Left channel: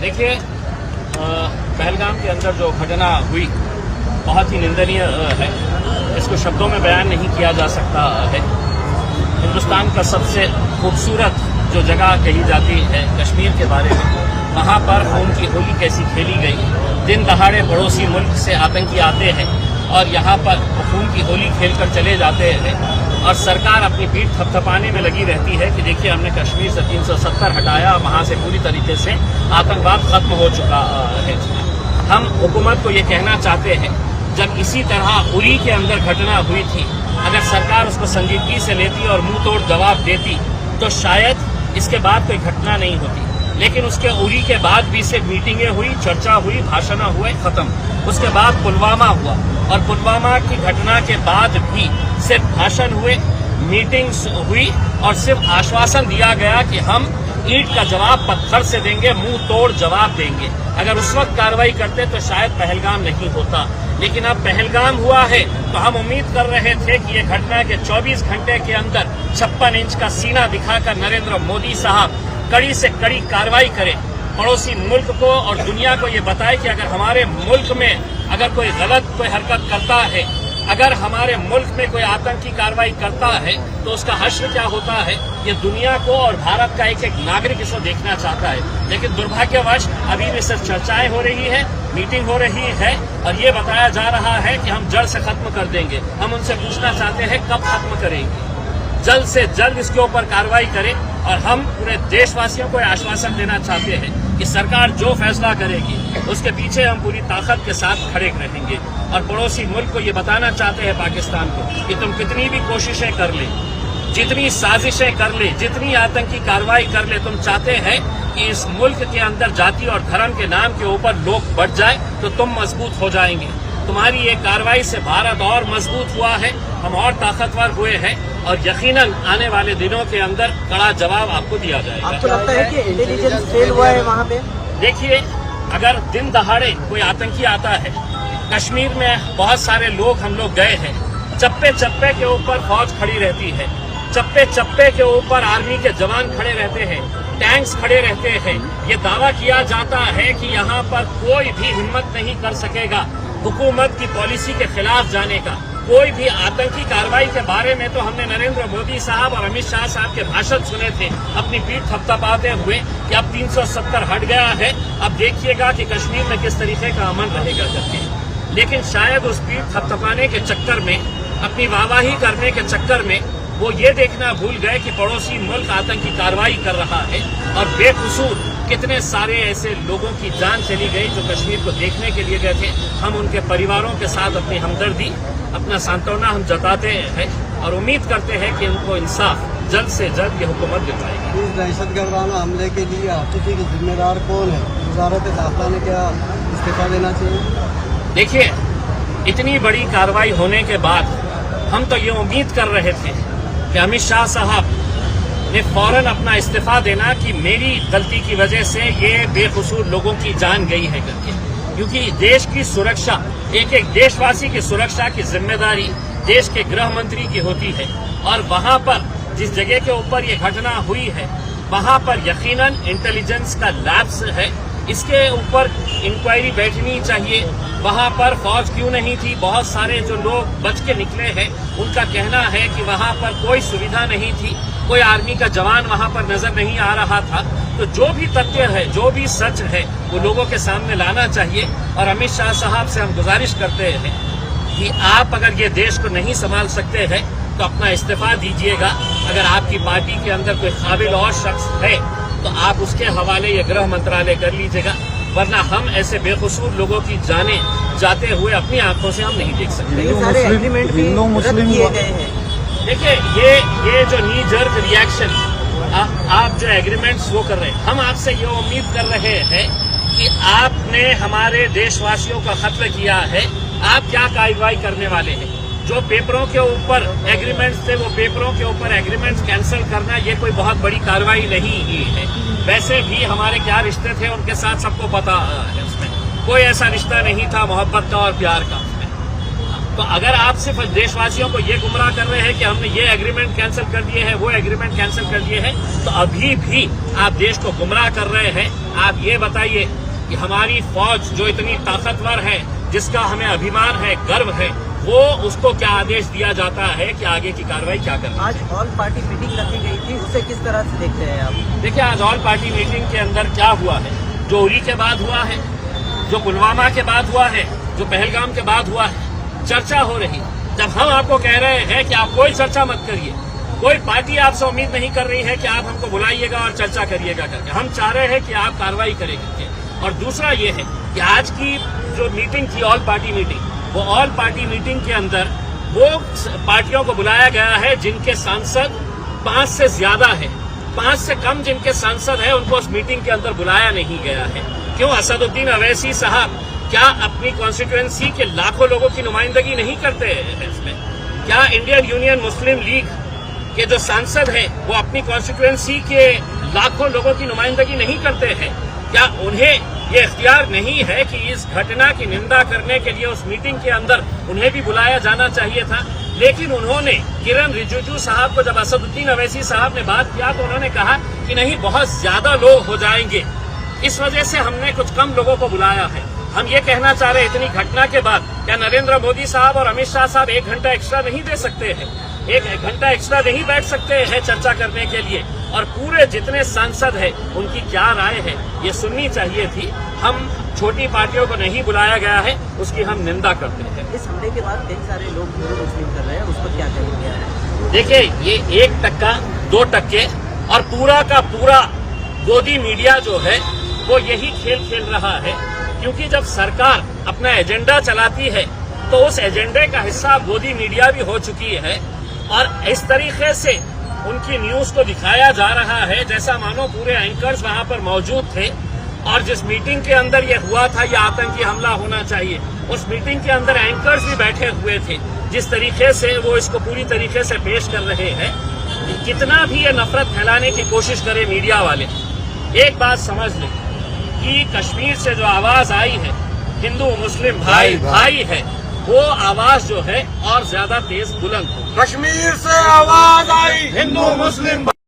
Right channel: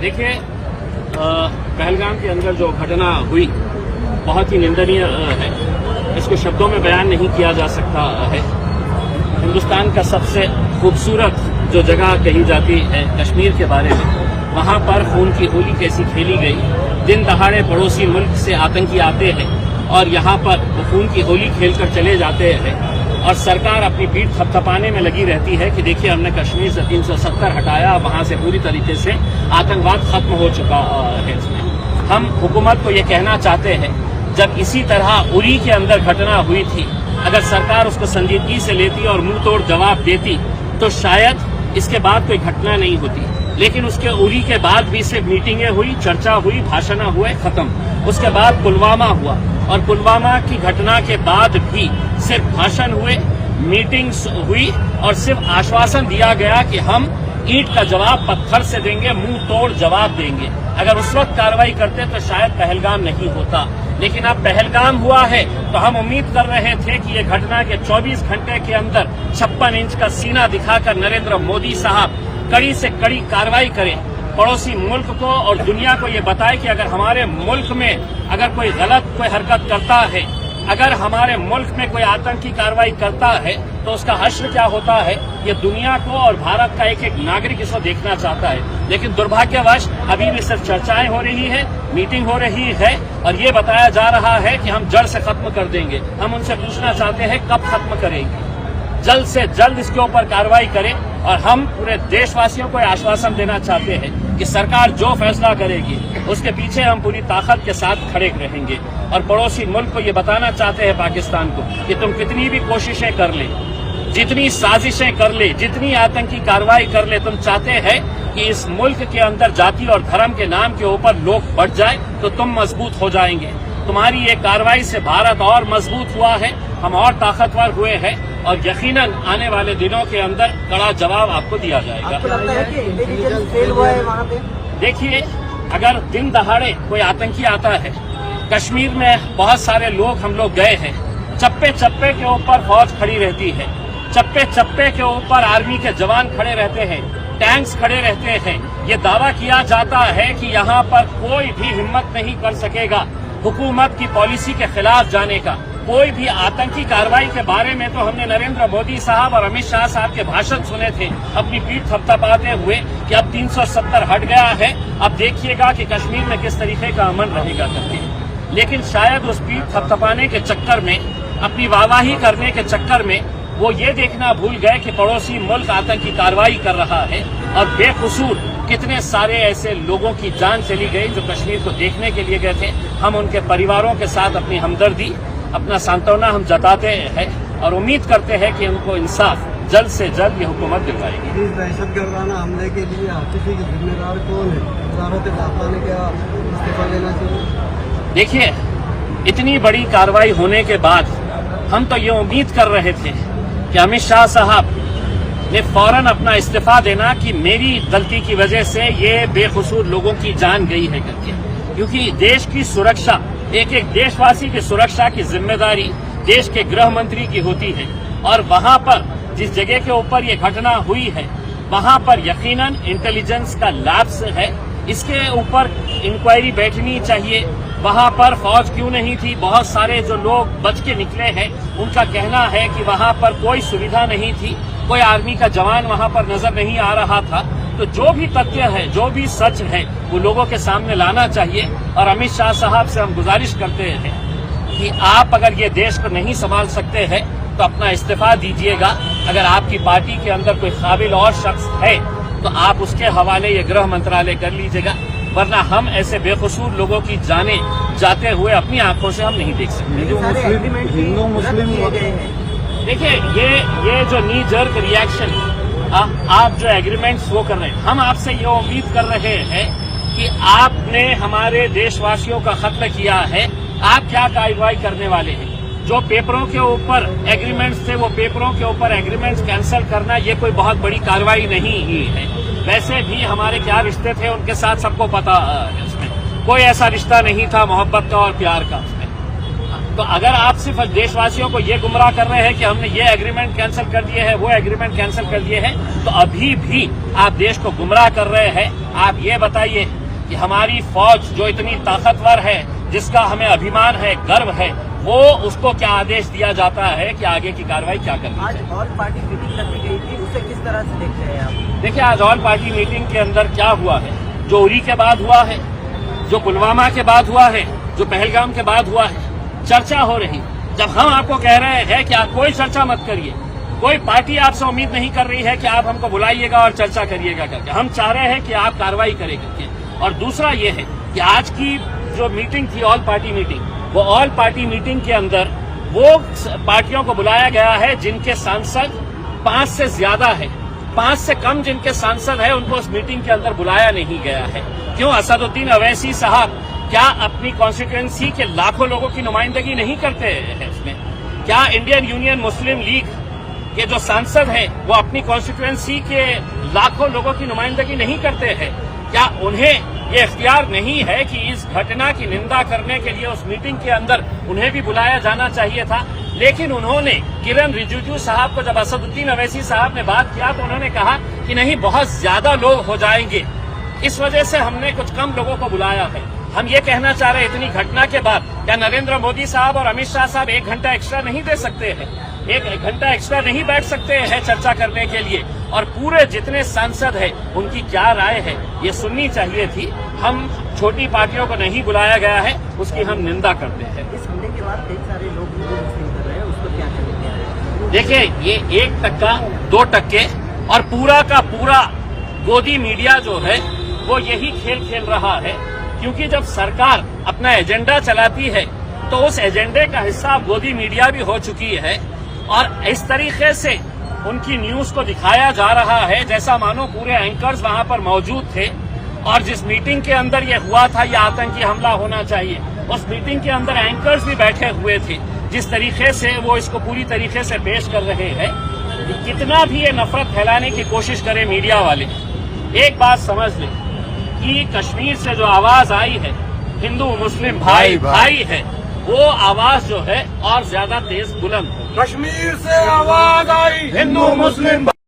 देखिए, पहलगाम के अंदर जो घटना हुई बहुत ही निंदनीय है। इसको शब्दों में बयान नहीं किया जा सकता है। हिंदुस्तान का सबसे खूबसूरत जो जगह कही जाती है कश्मीर के बारे में, वहां पर खून की होली कैसी खेली गई। दिन दहाड़े पड़ोसी मुल्क से आतंकी आते हैं और यहाँ पर वो खून की होली खेलकर चले जाते हैं और सरकार अपनी पीठ थपथपाने में लगी रहती है कि देखिए हमने कश्मीर से 370 हटाया, वहां से पूरी तरीके से आतंकवाद खत्म हो चुका है। हम हुकूमत को ये कहना चाहते हैं, जब इसी तरह उरी के अंदर घटना हुई थी, अगर सरकार उसको संजीदगी से लेती और मुंह तोड़ जवाब देती तो शायद इसके बाद कोई घटना नहीं होती। लेकिन उसके उरी के बाद भी सिर्फ मीटिंगें हुई, चर्चा हुई, भाषण हुए, खत्म। उसके बाद पुलवामा हुआ और पुलवामा की घटना के बाद भी सिर्फ भाषण हुए, मीटिंग्स हुई और सिर्फ आश्वासन दिया गया कि हम ईंट का जवाब पत्थर से देंगे, मुंह तोड़ जवाब देंगे। अगर उस वक्त कार्रवाई करते तो शायद पहलगाम नहीं होता। लेकिन अब पहलगाम हुआ है तो हम उम्मीद कर रहे थे कि ये घटना के 24 घंटे के अंदर 56 इंच का सीना दिखाकर नरेंद्र मोदी साहब कड़ी से कड़ी कार्रवाई करें, पड़ोसी मुल्क को और दुनिया को ये बताए कि अगर हमारे मुल्क में अगर कोई गलत कोई हरकत करता है, अगर हमारे मुल्क में कोई आतंकी कार्रवाई करता है तो उसका हश्र क्या होता है, ये दुनिया को और भारत का एक एक नागरिक इसको देखना चाहता है। लेकिन दुर्भाग्यवश अभी भी सिर्फ चर्चाएं हो रही है, मीटिंग हो रही है और ये बताया जा रहा है कि हम जड़ से खत्म कर देंगे। हम उनसे पूछना चाहते हैं कब खत्म करेंगे? जल्द से जल्द इसके ऊपर कार्रवाई करें और हम पूरे देशवासियों को आश्वासन देना चाहते हैं कि सरकार जो फैसला करेगी उसके पीछे हम पूरी ताकत के साथ खड़े रहेंगे। और पड़ोसी मुल्क को ये बताना चाहते हैं पाकिस्तान को कि तुम कितनी भी कोशिशें कर ले, जितनी साजिशें कर ले, जितनी आतंकी कार्रवाई कर ले, तुम चाहते हैं कि इस मुल्क के अंदर जाति और धर्म के नाम के ऊपर लोग बढ़ जाए तो तुम मजबूत हो जाएंगे। तुम्हारी ये कार्रवाई से भारत और मजबूत हुआ है, हम और ताकतवर हुए हैं और यकीनन आने वाले दिनों के अंदर कड़ा जवाब आपको दिया जाएगा। देखिए, अगर दिन दहाड़े कोई आतंकी आता है, कश्मीर में बहुत सारे लोग हम लोग गए हैं, चप्पे चप्पे के ऊपर फौज खड़ी रहती है, चप्पे चप्पे के ऊपर आर्मी के जवान खड़े रहते हैं, टैंक्स खड़े रहते हैं। ये दावा किया जाता है कि यहाँ पर कोई भी हिम्मत नहीं कर सकेगा हुकूमत की पॉलिसी के खिलाफ जाने का। कोई भी आतंकी कार्रवाई के बारे में तो हमने नरेंद्र मोदी साहब और अमित शाह साहब के भाषण सुने थे अपनी पीठ थपथपाते हुए कि अब 370 हट गया है, अब देखिएगा कि कश्मीर में किस तरीके का अमन रहेगा करके। लेकिन शायद उस पीठ थपथपाने के चक्कर में, अपनी वाहवाही करने के चक्कर में वो ये देखना भूल गए कि पड़ोसी मुल्क आतंकी कार्रवाई कर रहा है और बेकसूर कितने सारे ऐसे लोगों की जान चली गई जो कश्मीर को देखने के लिए गए थे। हम उनके परिवारों के साथ अपनी हमदर्दी, अपना सांत्वना हम जताते हैं और उम्मीद करते हैं कि उनको इंसाफ जल्द से जल्द ये हुकूमत दिलवाएगी। इस दहशतगर्दाना हमले के लिए आतिशी के जिम्मेदार कौन है? भारत के साथ ने क्या इस्तीफा देना चाहिए? देखिए, इतनी बड़ी कार्रवाई होने के बाद हम तो ये उम्मीद कर रहे थे कि अमित शाह साहब ने फौरन अपना इस्तीफा देना कि मेरी गलती की वजह से ये बेकसूर लोगों की जान गई है करके। क्योंकि देश की सुरक्षा, एक एक देशवासी की सुरक्षा की जिम्मेदारी देश के गृह मंत्री की होती है और वहां पर जिस जगह के ऊपर ये घटना हुई है वहां पर यकीनन इंटेलिजेंस का लैप्स है। इसके ऊपर इंक्वायरी बैठनी चाहिए। वहां पर फौज क्यों नहीं थी? बहुत सारे जो लोग बच के निकले हैं उनका कहना है कि वहां पर कोई सुविधा नहीं थी, कोई आर्मी का जवान वहां पर नजर नहीं आ रहा था। तो जो भी तथ्य है, जो भी सच है, वो लोगों के सामने लाना चाहिए। और अमित शाह साहब से हम गुजारिश करते हैं कि आप अगर ये देश को नहीं संभाल सकते हैं तो अपना इस्तीफा दीजिएगा। अगर आपकी पार्टी के अंदर कोई काबिल और शख्स है तो आप उसके हवाले ये गृह मंत्रालय कर लीजिएगा, वरना हम ऐसे बेकसूर लोगों की जानें जाते हुए अपनी आंखों से हम नहीं देख सकते। हिंदू मुस्लिम किए गए हैं। देखिए, ये जो नी जर्क रिएक्शन आप जो एग्रीमेंट्स वो कर रहे हैं, हम आपसे ये उम्मीद कर रहे हैं कि आपने हमारे देशवासियों का कत्ल किया है, आप क्या कार्रवाई करने वाले हैं? जो पेपरों के ऊपर एग्रीमेंट्स थे वो पेपरों के ऊपर एग्रीमेंट्स कैंसिल करना ये कोई बहुत बड़ी कार्रवाई नहीं ही है। वैसे भी हमारे क्या रिश्ते थे उनके साथ सबको पता है, उसमें कोई ऐसा रिश्ता नहीं था मोहब्बत का और प्यार का उसमें। तो अगर आप सिर्फ देशवासियों को ये गुमराह कर रहे हैं कि हमने ये एग्रीमेंट कैंसिल कर दिए हैं, वो एग्रीमेंट कैंसिल कर दिए हैं, तो अभी भी आप देश को गुमराह कर रहे हैं। आप ये बताइए कि हमारी फौज जो इतनी ताकतवर है, जिसका हमें अभिमान है, गर्व है, वो उसको क्या आदेश दिया जाता है कि आगे की कार्रवाई क्या करनी है। आज ऑल पार्टी मीटिंग रखी गई थी, उसे किस तरह से देखते हैं आप? देखिए, आज ऑल पार्टी मीटिंग के अंदर क्या हुआ है, जो उरी के बाद हुआ है, जो पुलवामा के बाद हुआ है, जो पहलगाम के बाद हुआ है, चर्चा हो रही। जब हम आपको कह रहे हैं कि आप कोई चर्चा मत करिए, कोई पार्टी आपसे उम्मीद नहीं कर रही है कि आप हमको बुलाइएगा और चर्चा करिएगा करके, हम चाह रहे हैं कि आप कार्रवाई करें करके। और दूसरा ये है कि आज की जो मीटिंग थी ऑल पार्टी मीटिंग, वो ऑल पार्टी मीटिंग के अंदर वो पार्टियों को बुलाया गया है जिनके सांसद 5 से ज्यादा है, 5 से कम जिनके सांसद है उनको उस मीटिंग के अंदर बुलाया नहीं गया है। क्यों? असदुद्दीन अवैसी साहब क्या अपनी कॉन्स्टिट्यूएंसी के लाखों लोगों की नुमाइंदगी नहीं करते हैं इसमें? क्या इंडियन यूनियन मुस्लिम लीग के जो सांसद हैं वो अपनी कॉन्स्टिट्यूएंसी के लाखों लोगों की नुमाइंदगी नहीं करते हैं? क्या उन्हें ये इख्तियार नहीं है कि इस घटना की निंदा करने के लिए उस मीटिंग के अंदर उन्हें भी बुलाया जाना चाहिए था? लेकिन उन्होंने किरण रिजिजू साहब को, जब असदुद्दीन अवैसी साहब ने बात किया तो उन्होंने कहा कि नहीं, बहुत ज्यादा लोग हो जाएंगे, इस वजह से हमने कुछ कम लोगों को बुलाया है। हम ये कहना चाह रहे हैं, इतनी घटना के बाद क्या नरेंद्र मोदी साहब और अमित शाह साहब 1 घंटा एक्स्ट्रा नहीं दे सकते हैं? 1 घंटा एक्स्ट्रा नहीं बैठ सकते हैं चर्चा करने के लिए? और पूरे जितने सांसद हैं उनकी क्या राय है ये सुननी चाहिए थी। हम छोटी पार्टियों को नहीं बुलाया गया है, उसकी हम निंदा करते हैं। इस हमले के बाद कई सारे लोग हिंदू मुस्लिम कर रहे हैं, उसको क्या करेंगे? देखिए, ये 1%, 2% और पूरा का पूरा गोदी मीडिया जो है वो यही खेल खेल रहा है। क्योंकि जब सरकार अपना एजेंडा चलाती है तो उस एजेंडे का हिस्सा गोदी मीडिया भी हो चुकी है, और इस तरीके से उनकी न्यूज को दिखाया जा रहा है जैसा मानो पूरे एंकर्स वहां पर मौजूद थे। और जिस मीटिंग के अंदर ये हुआ था, ये आतंकी हमला होना चाहिए, उस मीटिंग के अंदर एंकर्स भी बैठे हुए थे। जिस तरीके से वो इसको पूरी तरीके से पेश कर रहे हैं, कि कितना भी ये नफरत फैलाने की कोशिश करे मीडिया वाले, एक बात समझ लें कि कश्मीर से जो आवाज आई है, हिंदू मुस्लिम भाई भाई है, वो आवाज जो है और ज्यादा तेज बुलंद हो। कश्मीर से आवाज आई, हिंदू मुस्लिम